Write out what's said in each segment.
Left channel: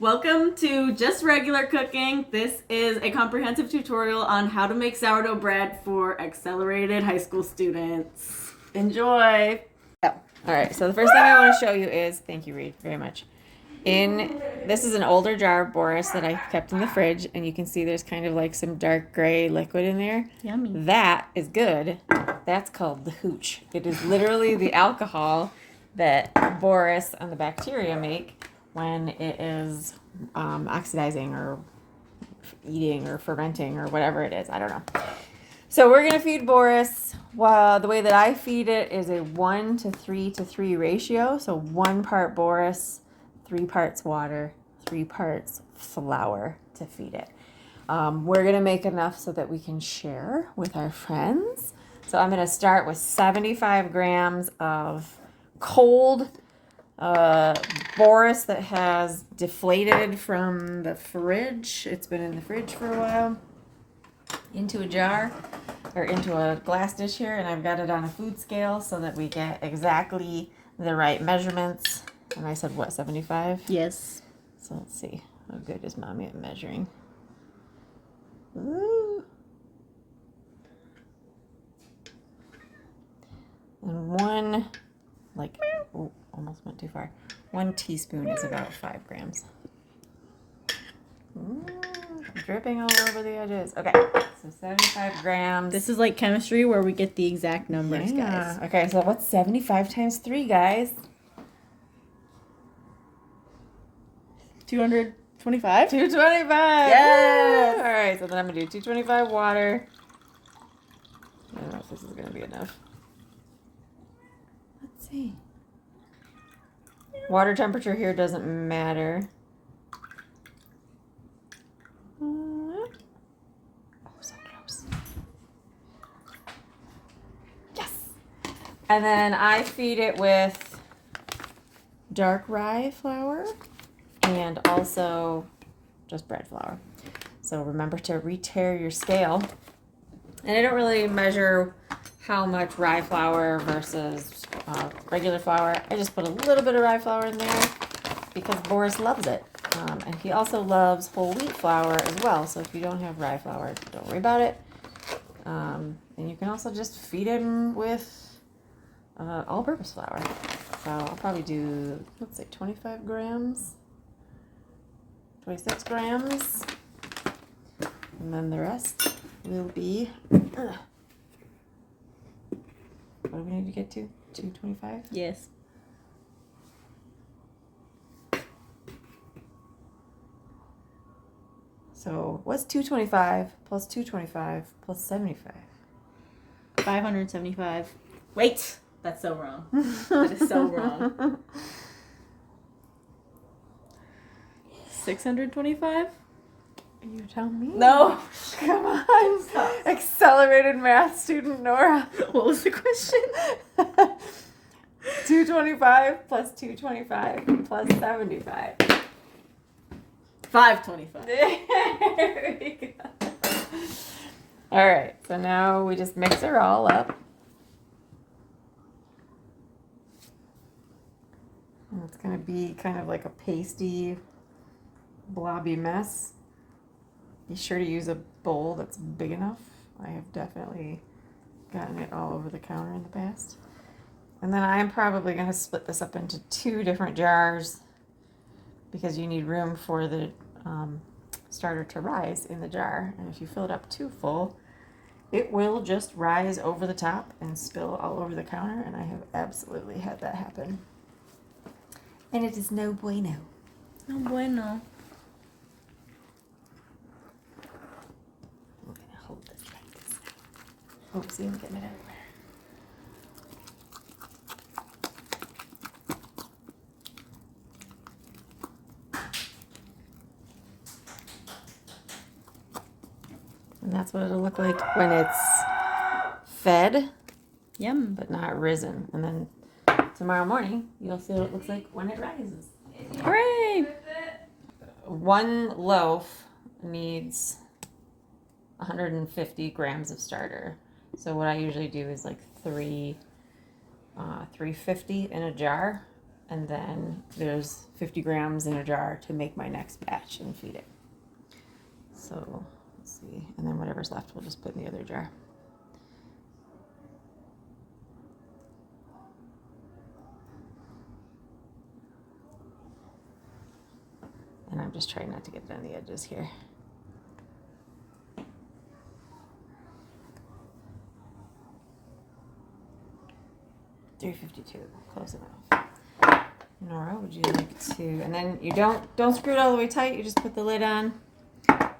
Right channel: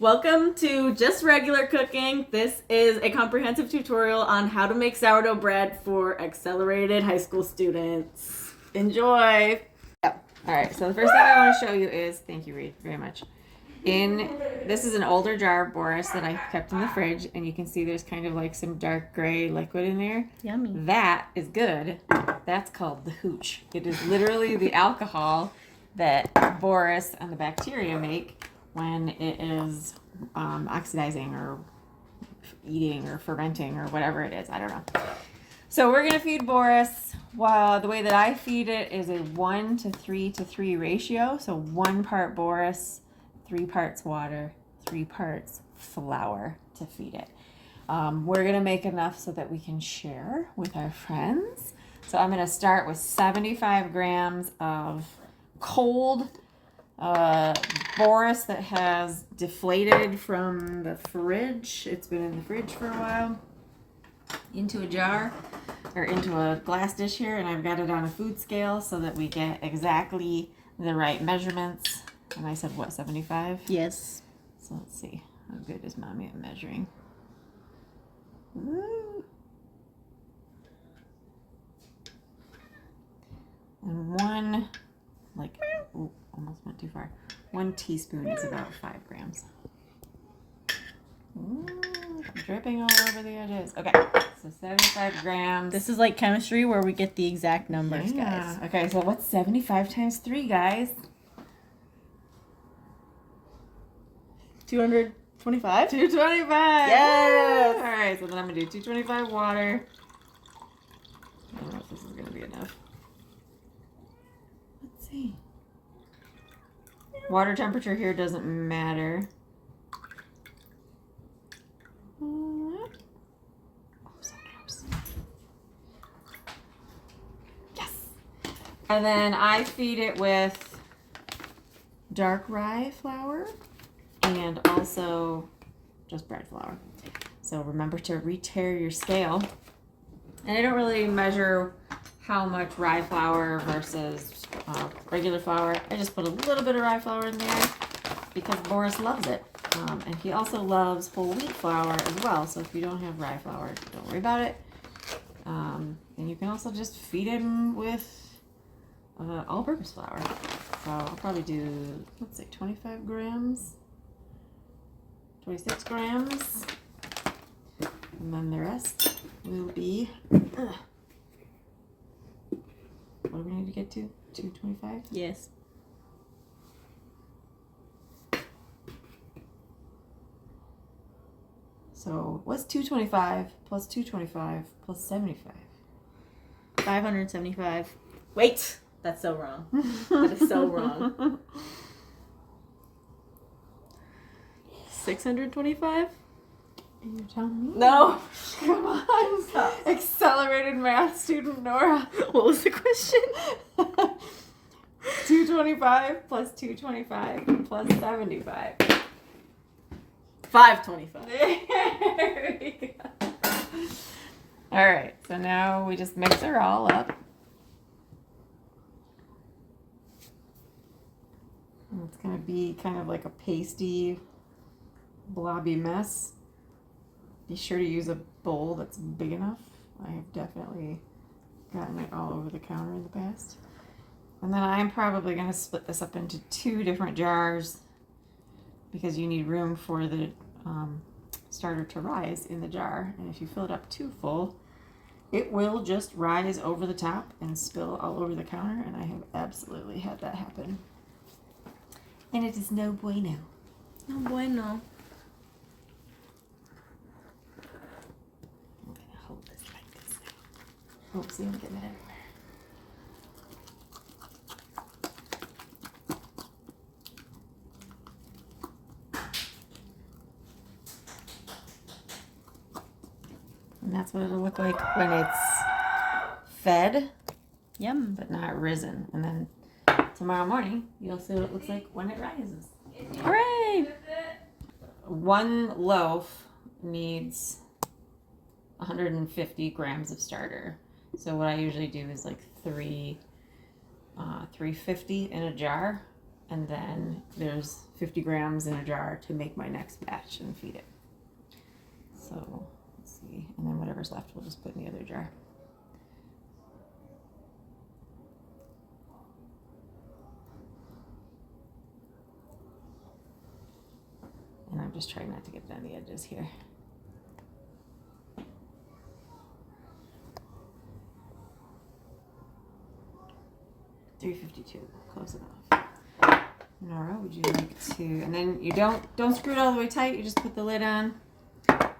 Welcome to Just Regular Cooking. This is a comprehensive tutorial on how to make sourdough bread for accelerated high school students. Enjoy! All right, so the first thing I want to show you is, thank you, Reed, very much. This is an older jar of Boris that I kept in the fridge, and you can see there's kind of like some dark gray liquid in there. Yummy. That is good. That's called the hooch. It is literally the alcohol that Boris and the bacteria make when it is oxidizing or eating or fermenting or whatever it is. I don't know. So we're gonna feed Boris. Well, the way that I feed it is a 1 to 3 to 3 ratio. So 1 part Boris, 3 parts water, 3 parts flour to feed it. We're gonna make enough so that we can share with our friends. So I'm gonna start with 75 grams of cold Boris that has deflated from the fridge. It's been in the fridge for a while. Into a jar or into a glass dish here, and I've got it on a food scale so that we get exactly the right measurements. And I said what, 75? Yes. So let's see, how good is mommy at measuring? Ooh. And one, like, oh, almost went too far. 1 teaspoon is about 5 grams. Ooh, dripping all over the edges. Okay, so 75 grams. This is like chemistry where we get the exact numbers, guys. Okay, so what's 75 times 3, guys? 225? 225. Yes! All right, so then I'm going to do 225 water. I don't know if this is going to be enough. Let's see. Water temperature here doesn't matter. Oh, so gross. Yes. And then I feed it with dark rye flour and also just bread flour. So remember to re-tare your scale. And I don't really measure how much rye flour versus regular flour. I just put a little bit of rye flour in there because Boris loves it. And he also loves whole wheat flour as well. So if you don't have rye flour, don't worry about it. And you can also just feed him with all-purpose flour. So I'll probably do, let's say 25 grams, 26 grams. And then the rest will be, what do we need to get to? 225? Yes. So what's 225 plus 225 plus 75? 575. Wait! That's so wrong. That is so wrong. 625? You tell me. No! Come on. Stop. Accelerated math student Nora. What was the question? 225 plus 225 plus 75. 525. There we go. All right, so now we just mix her all up. And it's going to be kind of like a pasty, blobby mess. Be sure to use a bowl that's big enough. I have definitely gotten it all over the counter in the past. And then I'm probably going to split this up into 2 different jars because you need room for the starter to rise in the jar. And if you fill it up too full, it will just rise over the top and spill all over the counter. And I have absolutely had that happen. And it is no bueno. No bueno. I'm going to hold this like this. Oh, see, I'm getting it everywhere. And that's what it'll look like when it's fed, Yum. but not risen. And then tomorrow morning, you'll see what it looks like when it rises. Hooray! 1 loaf needs 150 grams of starter. So what I usually do is like 350 in a jar. And then there's 50 grams in a jar to make my next batch and feed it. So let's see. And then whatever's left, we'll just put in the other jar. And I'm just trying not to get it on the edges here. $3.52, close enough. Nora, would you like to? And then you don't screw it all the way tight. You just put the lid on.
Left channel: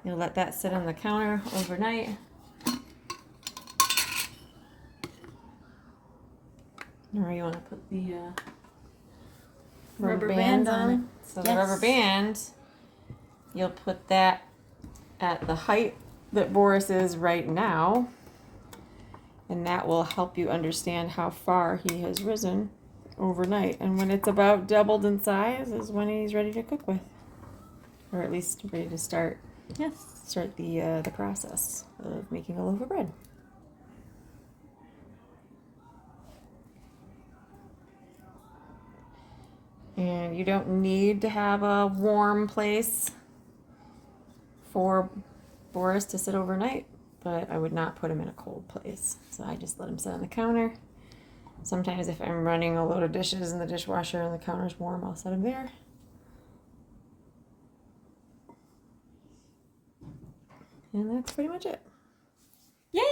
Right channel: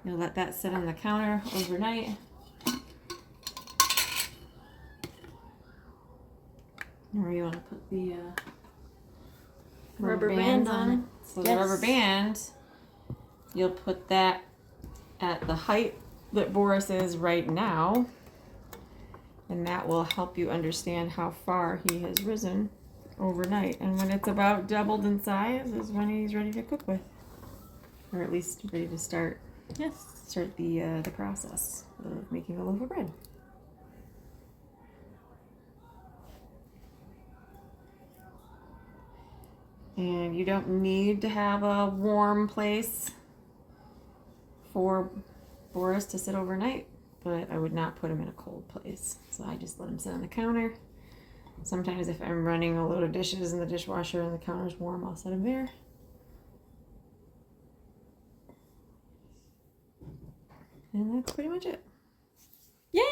You'll let that sit on the counter overnight. Nora, you want to put the rubber band on it? So the rubber band, you'll put that at the height that Boris is right now. And that will help you understand how far he has risen overnight. And when it's about doubled in size is when he's ready to cook with. Or at least ready to start the process of making a loaf of bread. And you don't need to have a warm place for Boris to sit overnight. But I would not put him in a cold place. So I just let him sit on the counter. Sometimes if I'm running a load of dishes in the dishwasher and the counter's warm, I'll set him there. And that's pretty much it. Yay!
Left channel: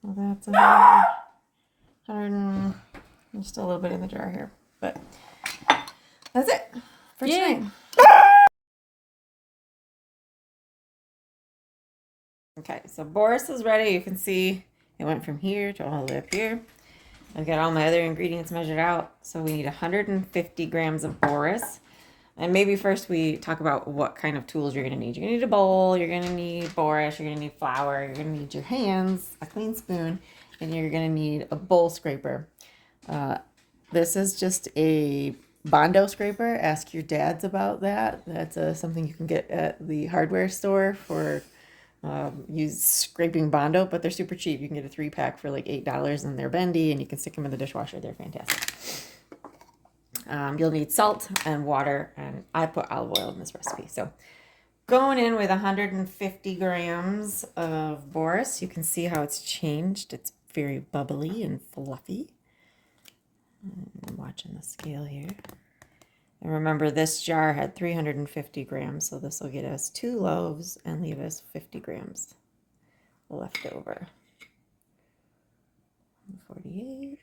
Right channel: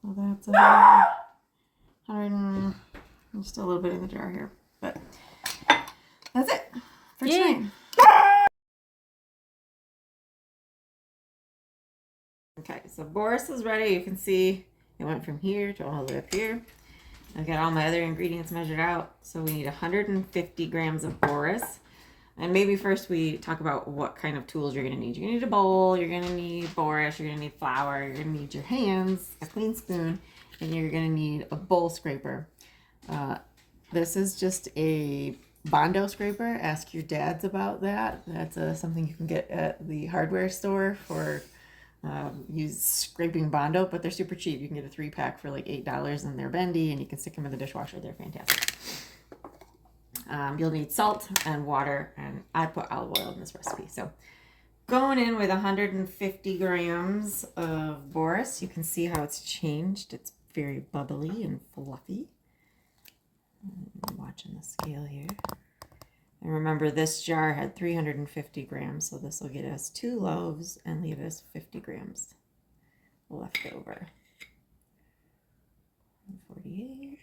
So that's 100 there's still a little bit in the jar here. But that's it for tonight. Okay, so Boris is ready. You can see it went from here to all the way up here. I've got all my other ingredients measured out. So we need 150 grams of Boris. And maybe first we talk about what kind of tools you're going to need. You're going to need a bowl, you're going to need Boris, you're going to need flour, you're going to need your hands, a clean spoon, and you're going to need a bowl scraper. This is just a Bondo scraper. Ask your dads about that. That's something you can get at the hardware store for use scraping Bondo, but they're super cheap. You can get a 3-pack for like $8 and they're bendy and you can stick them in the dishwasher. They're fantastic. You'll need salt and water, and I put olive oil in this recipe. So going in with 150 grams of Boris, you can see how it's changed. It's very bubbly and fluffy. I'm watching the scale here. And remember, this jar had 350 grams, so this will get us 2 loaves and leave us 50 grams left over. 48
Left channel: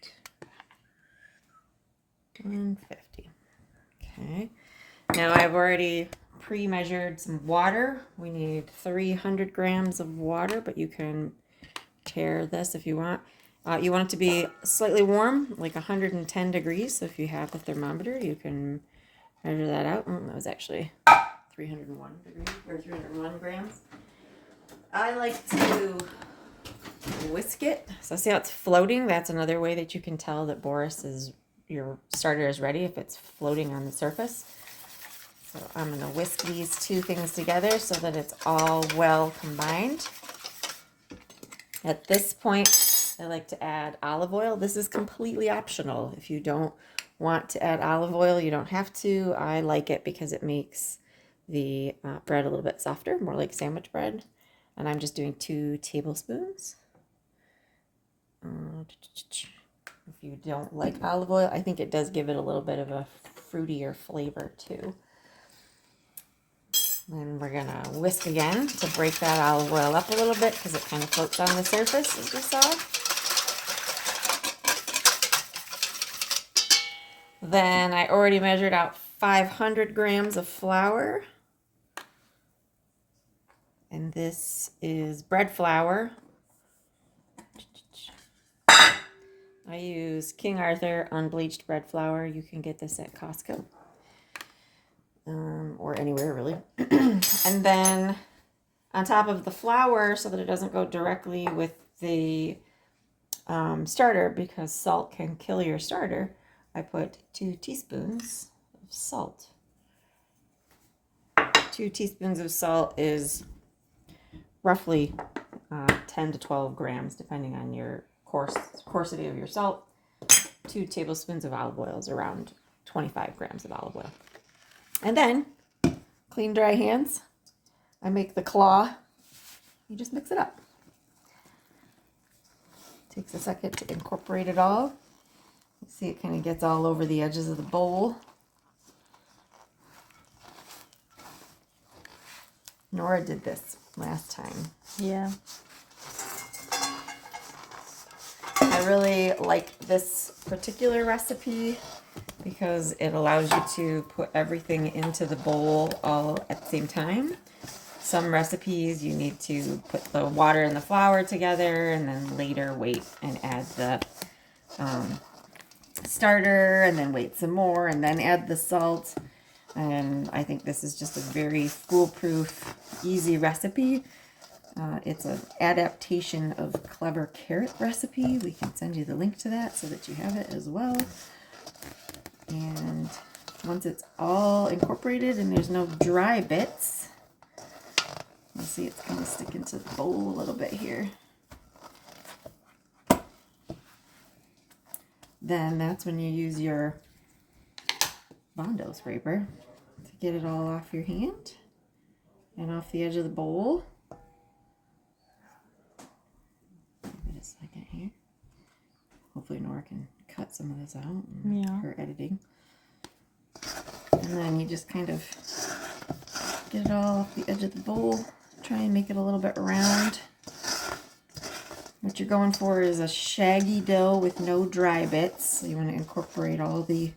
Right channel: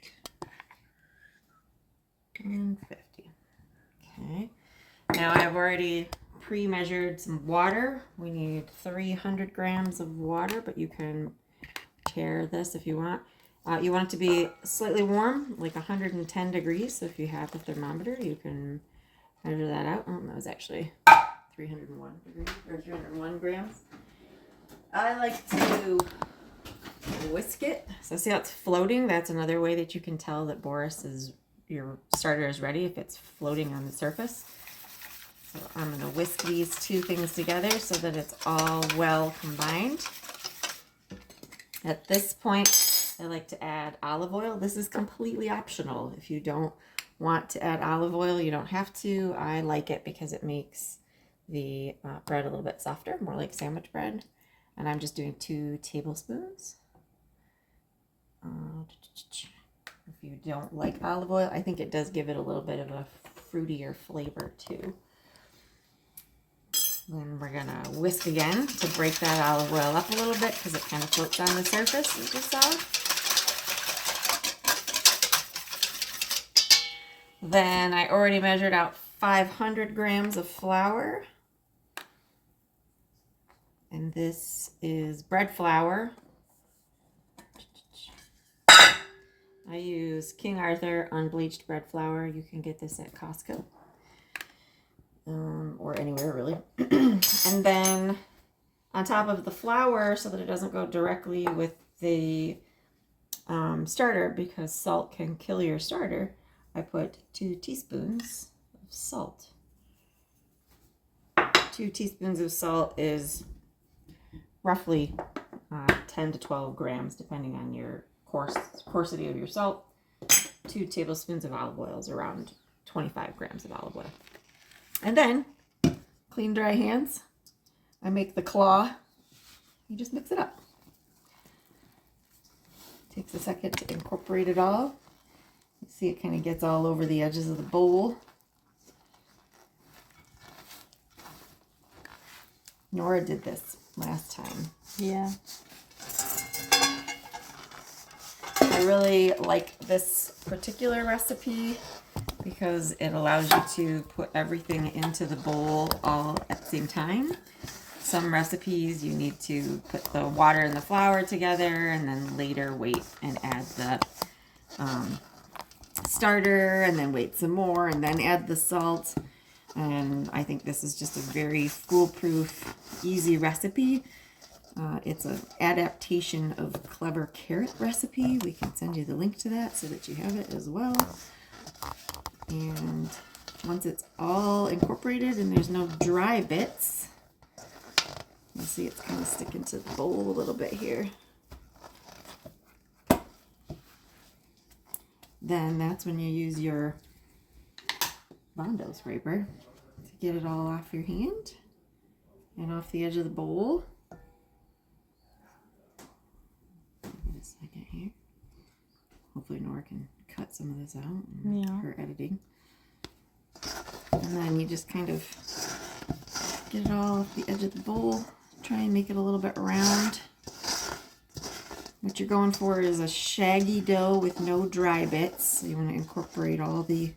and 50. Okay. Now I've already pre-measured some water. We need 300 grams of water, but you can tare this if you want. You want it to be slightly warm, like 110 degrees. So if you have a thermometer, you can measure that out. Oh, that was actually 301 degrees or 301 grams. I like to whisk it. So see how it's floating? That's another way that you can tell that your starter is ready, if it's floating on the surface. So I'm going to whisk these two things together so that it's all well combined. At this point, I like to add olive oil. This is completely optional. If you don't want to add olive oil, you don't have to. I like it because it makes the bread a little bit softer, more like sandwich bread. And I'm just doing 2 tablespoons. If you don't like olive oil, I think it does give it a little bit of a fruitier flavor too. Then we're gonna whisk again to break that olive oil up a little bit because it kind of floats on the surface, as you saw. Then I already measured out 500 grams of flour. And this is bread flour. I use King Arthur unbleached bread flour. You can get this at Costco. Or anywhere really. And then on top of the flour, so that it doesn't go directly with the starter, because salt can kill your starter, I put 2 teaspoons of salt. 2 teaspoons of salt is roughly 10 to 12 grams, depending on your coarsity of your salt. 2 tablespoons of olive oil is around 25 grams of olive oil. And then, clean, dry hands. I make the claw. You just mix it up. Takes a second to incorporate it all. You see it kind of gets all over the edges of the bowl. Nora did this last time. Yeah. I really like this particular recipe because it allows you to put everything into the bowl all at the same time. Some recipes you need to put the water and the flour together and then later wait and add the starter and then wait some more and then add the salt. And I think this is just a very foolproof, easy recipe. It's an adaptation of Clever Carrot recipe. We can send you the link to that so that you have it as well. And once it's all incorporated and there's no dry bits, you'll see it's kind of sticking to the bowl a little bit here. Then that's when you use your Bondo scraper to get it all off your hand and off the edge of the bowl. Give it a second here. Hopefully Nora can cut some of this out in her editing. And then you just kind of get it all off the edge of the bowl. Try and make it a little bit round. What you're going for is a shaggy dough with no dry bits. So you want to incorporate all the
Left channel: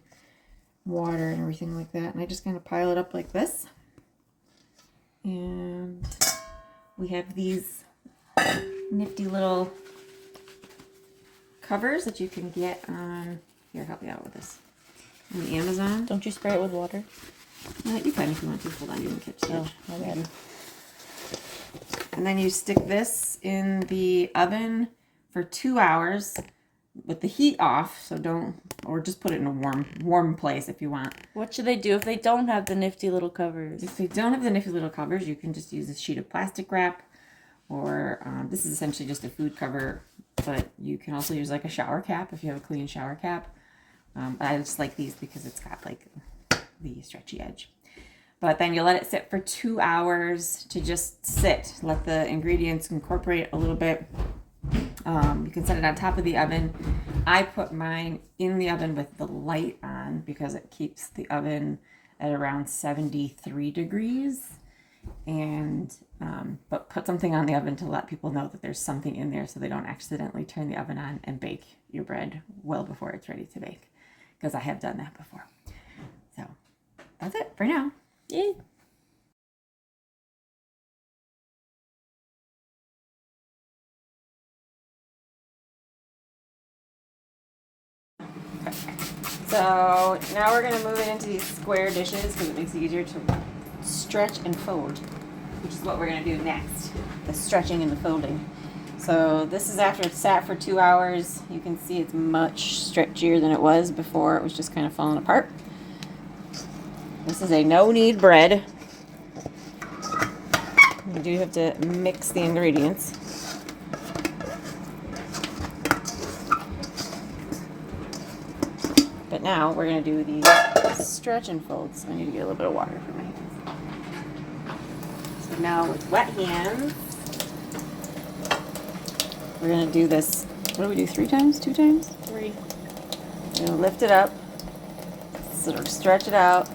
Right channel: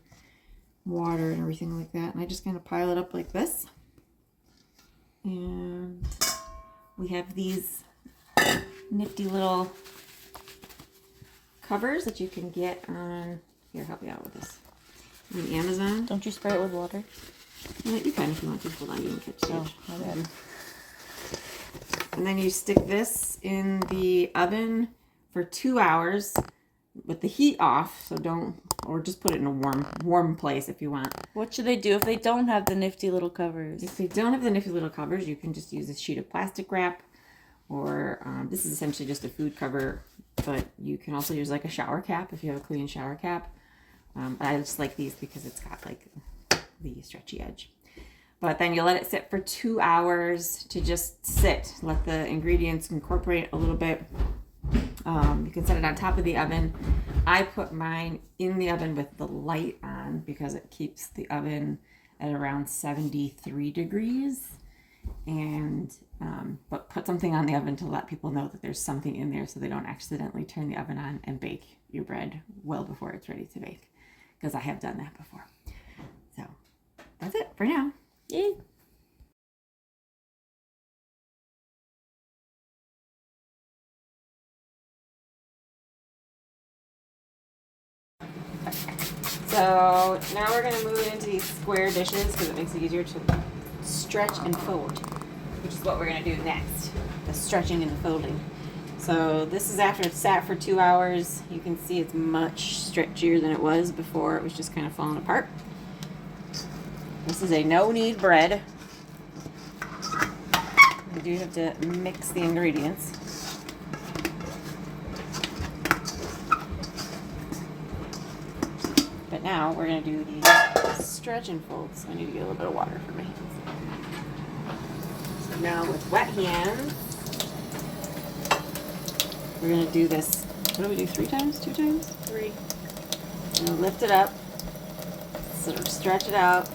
water and everything like that. And I just kind of pile it up like this. And we have these nifty little covers that you can get on, here, help me out with this, on Amazon. Don't you spray it with water? You can if you want to. Hold on, you can fix it. Oh, okay. And then you stick this in the oven for 2 hours with the heat off. So don't, or just put it in a warm place if you want. What should they do if they don't have the nifty little covers? If they don't have the nifty little covers, you can just use a sheet of plastic wrap, or this is essentially just a food cover, but you can also use like a shower cap if you have a clean shower cap. I just like these because it's got like the stretchy edge. But then you let it sit for 2 hours to just sit. Let the ingredients incorporate a little bit. You can set it on top of the oven. I put mine in the oven with the light on because it keeps the oven at around 73 degrees. And but put something on the oven to let people know that there's something in there so they don't accidentally turn the oven on and bake your bread well before it's ready to bake. Because I have done that before. So that's it for now. Yay. So now we're going to move it into these square dishes because it makes it easier to stretch and fold, which is what we're going to do next, the stretching and the folding. So this is after it's sat for 2 hours. You can see it's much stretchier than it was before. It was just kind of falling apart. This is a no-knead bread. You do have to mix the ingredients. But now we're going to do the stretch and fold. So I need to get a little bit of water for my hands. So now with wet hands, we're going to do this. What do we do? 3 times? 2 times? 3. We're going to lift it up, sort of stretch it out,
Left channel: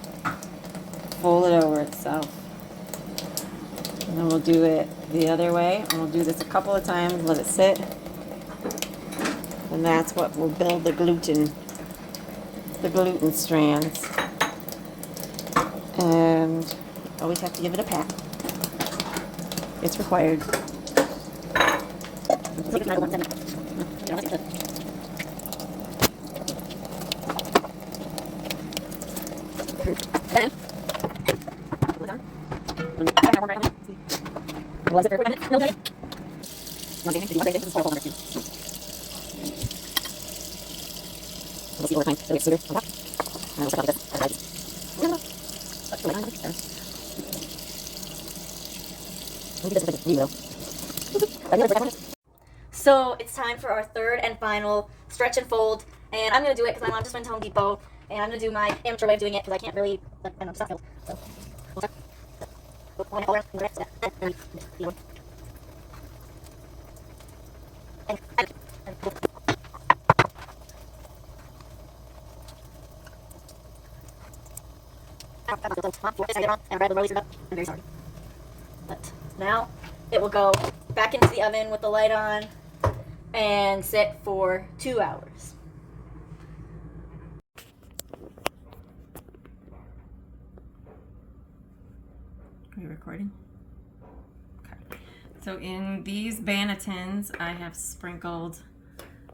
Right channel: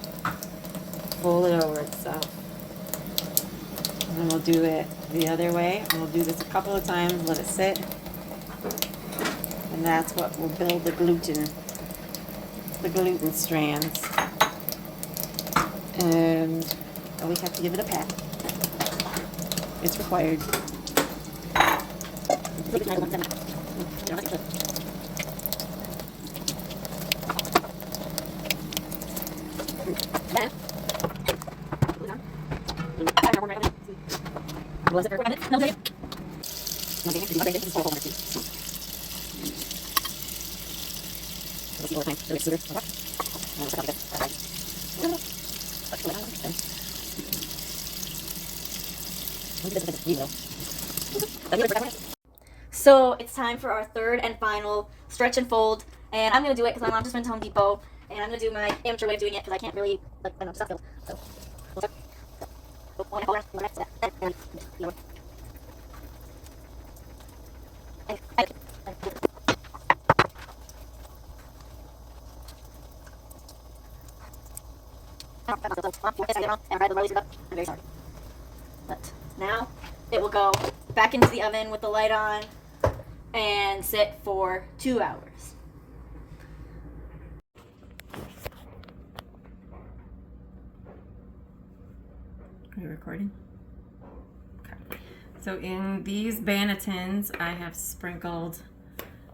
fold it over itself. And then we'll do it the other way. And we'll do this a couple of times, let it sit. And that's what will build the gluten strands. And always have to give it a pat. It's required. So it's time for our third and final stretch and fold, and I'm gonna do it because my mom just went to Home Depot And I'm going to do my amateur way of doing it because I can't really, like, I don't know, stuff. So, I'm very sorry. But now it will go back into the oven with the light on and sit for 2 hours. Are you recording? Okay. So in these bannetons, I have sprinkled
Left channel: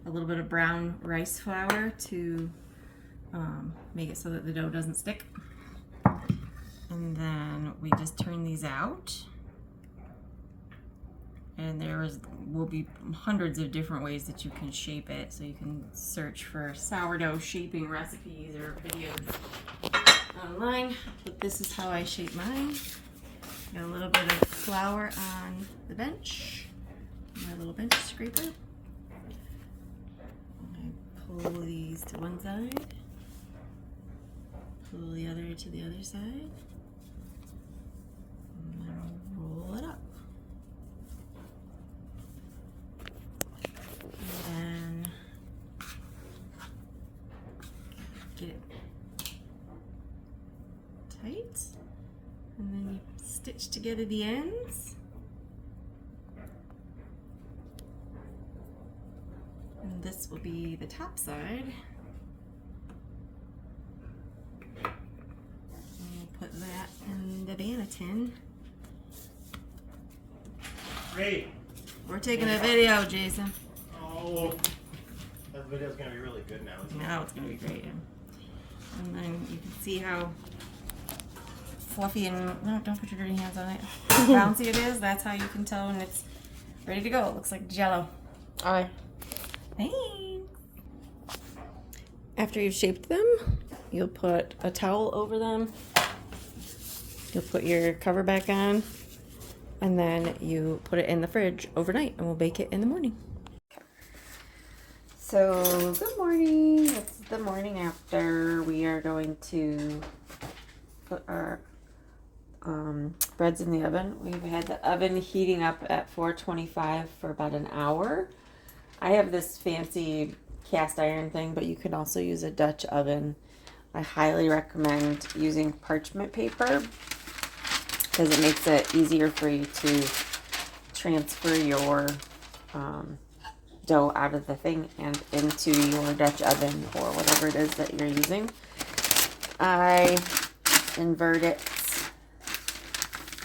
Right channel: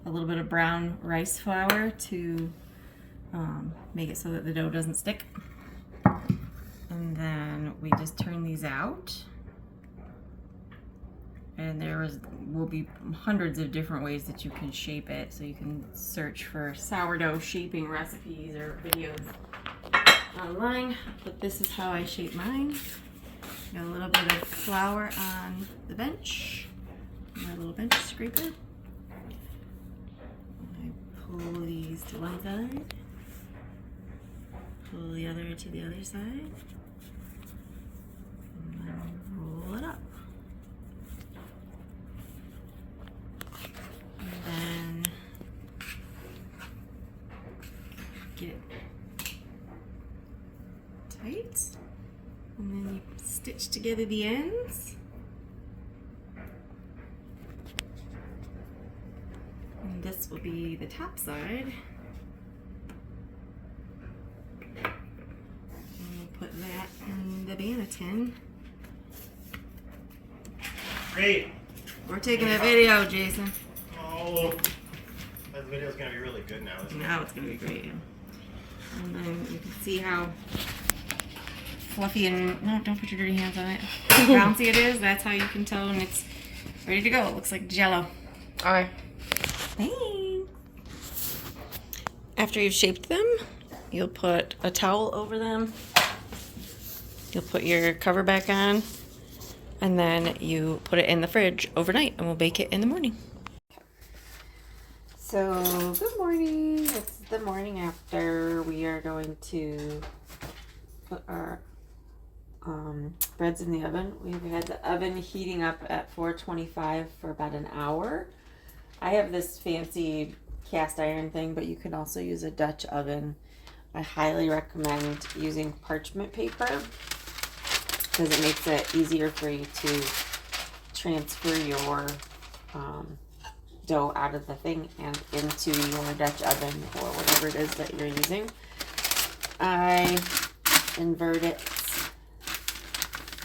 a little bit of brown rice flour to make it so that the dough doesn't stick. And then we just turn these out. And will be hundreds of different ways that you can shape it. So you can search for sourdough shaping recipes or videos online. But this is how I shape mine. Got a little bit of flour on the bench, my little bench scraper. I pull these to one side, pull the other to the other side, and then roll it up. And then get it tight. And then you stitch together the ends. And this will be the top side. And we'll put that in the banneton. Great. We're taking a video, Jason. Oh, that video's gonna be really good now. Isn't it? Now it's gonna be great. And then you can see how fluffy and, no, don't put your dirty hands on it. Bouncy it is. That's how you can tell when it's ready to go. It looks like Jell-O. Alright. Thanks. After you've shaped them, you'll put a towel over them. You'll put your cover back on, and then you put it in the fridge overnight, and we'll bake it in the morning. So, good morning. It's the morning after. We are going to put our breads in the oven. We've had the oven heating up at 425 for about an hour. I have this fancy cast iron thing, but you can also use a Dutch oven. I highly recommend using parchment paper because it makes it easier for you to transfer your dough out of the thing and into your Dutch oven or whatever it is that you're using. I invert it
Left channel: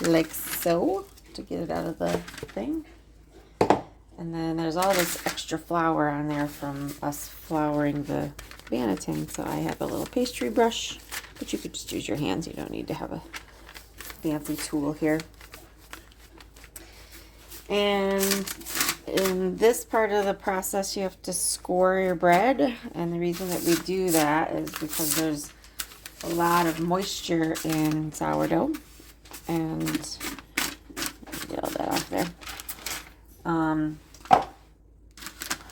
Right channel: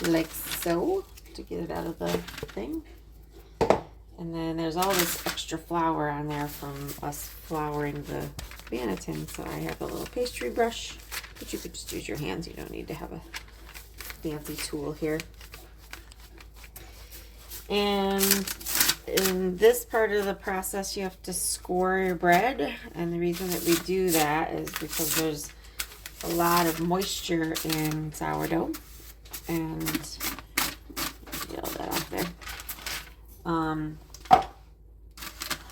like so to get it out of the thing. And then there's all this extra flour on there from us flouring the banneton. So I have a little pastry brush, but you could just use your hands. You don't need to have a fancy tool here. And in this part of the process, you have to score your bread. And the reason that we do that is because there's a lot of moisture in sourdough. And get all that off there.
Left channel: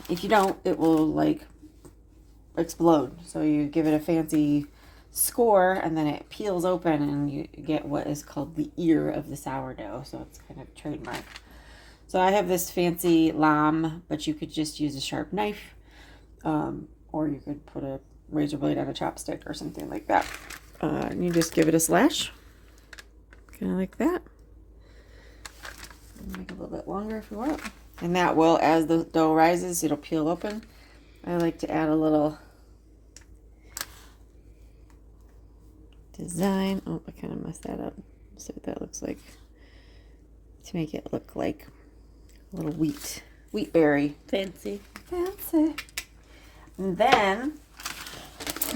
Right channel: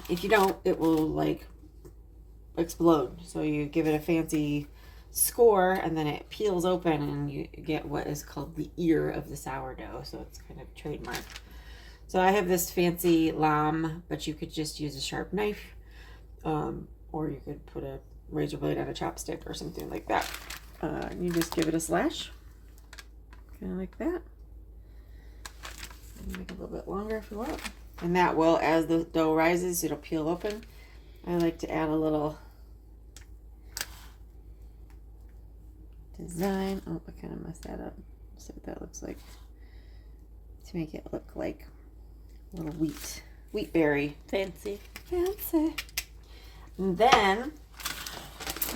If you don't, it will like explode. So you give it a fancy score and then it peels open and you get what is called the ear of the sourdough. So it's kind of trademark. So I have this fancy lame, but you could just use a sharp knife, or you could put a razor blade on a chopstick or something like that. And you just give it a slash, kind of like that. And make it a little bit longer if you want. And that will, as the dough rises, it'll peel open. I like to add a little design. Oh, I kind of messed that up. See what that looks like. To make it look like a little wheat berry. Fancy. And then,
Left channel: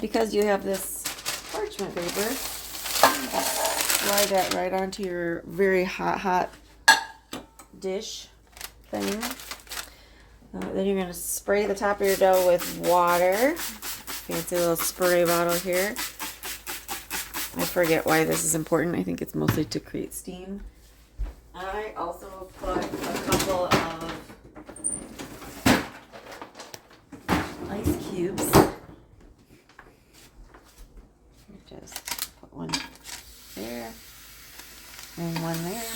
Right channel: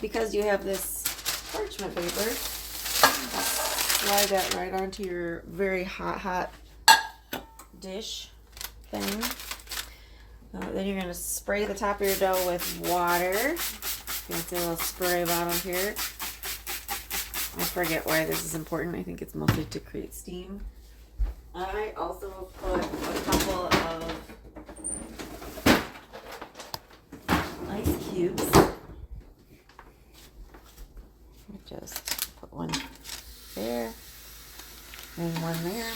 because you have this parchment paper, slide that right onto your very hot dish thing. Then you're going to spray the top of your dough with water. Fancy little spray bottle here. I forget why this is important. I think it's mostly to create steam. I also put a couple of ice cubes there, and one there,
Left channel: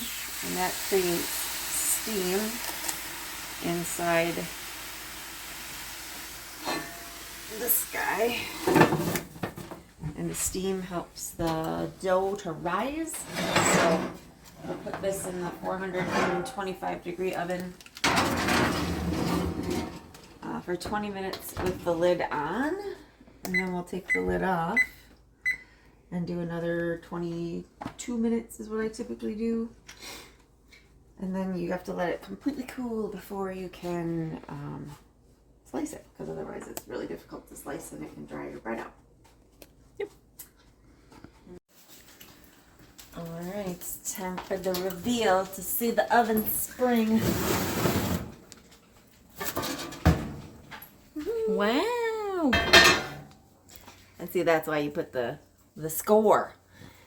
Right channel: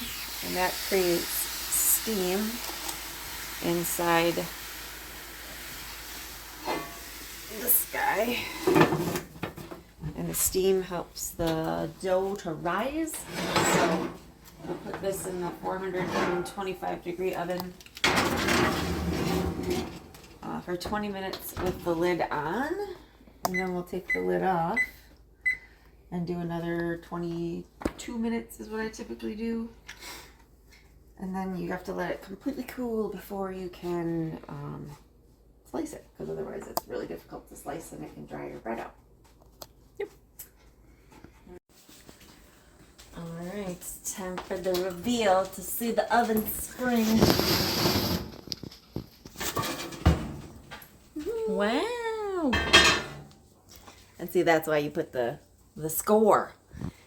and that creates steam inside this guy. And the steam helps the dough to rise. So we'll put this in the 425-degree oven for 20 minutes with the lid on. And then we'll take the lid off and do another 22 minutes is what I typically do. And then you have to let it completely cool before you can slice it, because otherwise it's really difficult to slice and it can dry your bread out. Yep. All right, it's time for the reveal to see the oven spring. Wow. And see, that's why you put the score.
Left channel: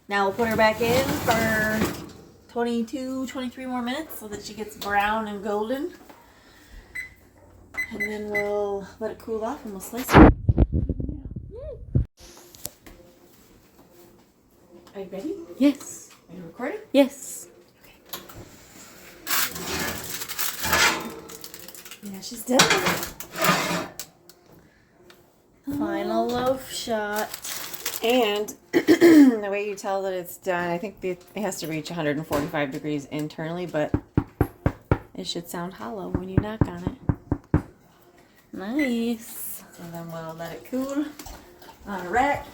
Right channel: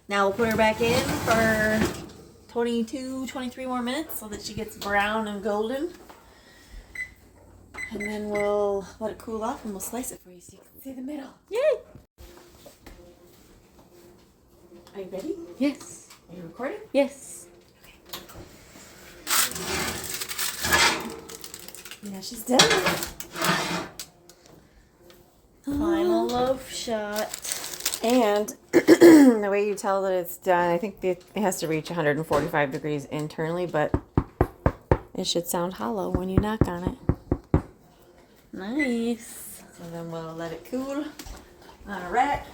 Now we'll put her back in for 22, 23 more minutes so that she gets brown and golden. And then we'll let it cool off and we'll slice it for you so you can see the middle. Yay. Are you ready? Yes. Are you recording? Yes. Yeah, she's done. Final loaf shot. And the way you tell that it's done, I think it has to reach 145 degrees internally, but it should sound hollow when you knock on it. Nice. So then we'll let it cool on a rack.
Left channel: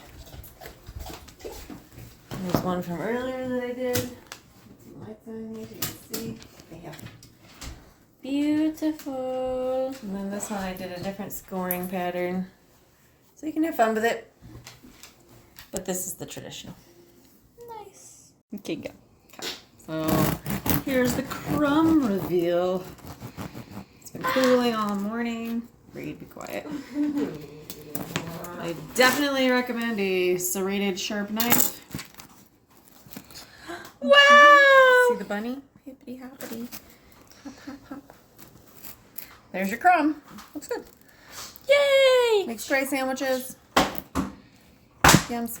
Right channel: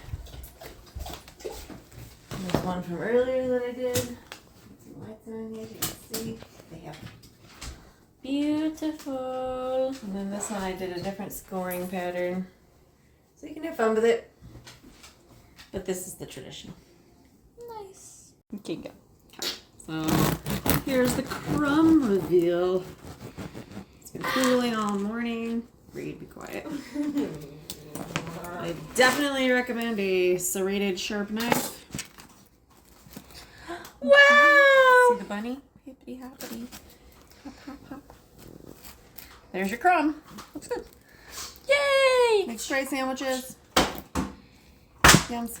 There's one from earlier that I did. Some lights on here, you can see. They have. Beautiful. And then this one I did a different scoring pattern. So you can have fun with it. But this is the traditional. Nice. Okay, go. So here's the crumb reveal. It's been cooling all morning. Reed, be quiet. I definitely recommend a serrated sharp knife. Wow. See the bunny? Hippity hoppity. Hop, hop, hop. There's your crumb. Looks good. Yay. Make tray sandwiches. Yums.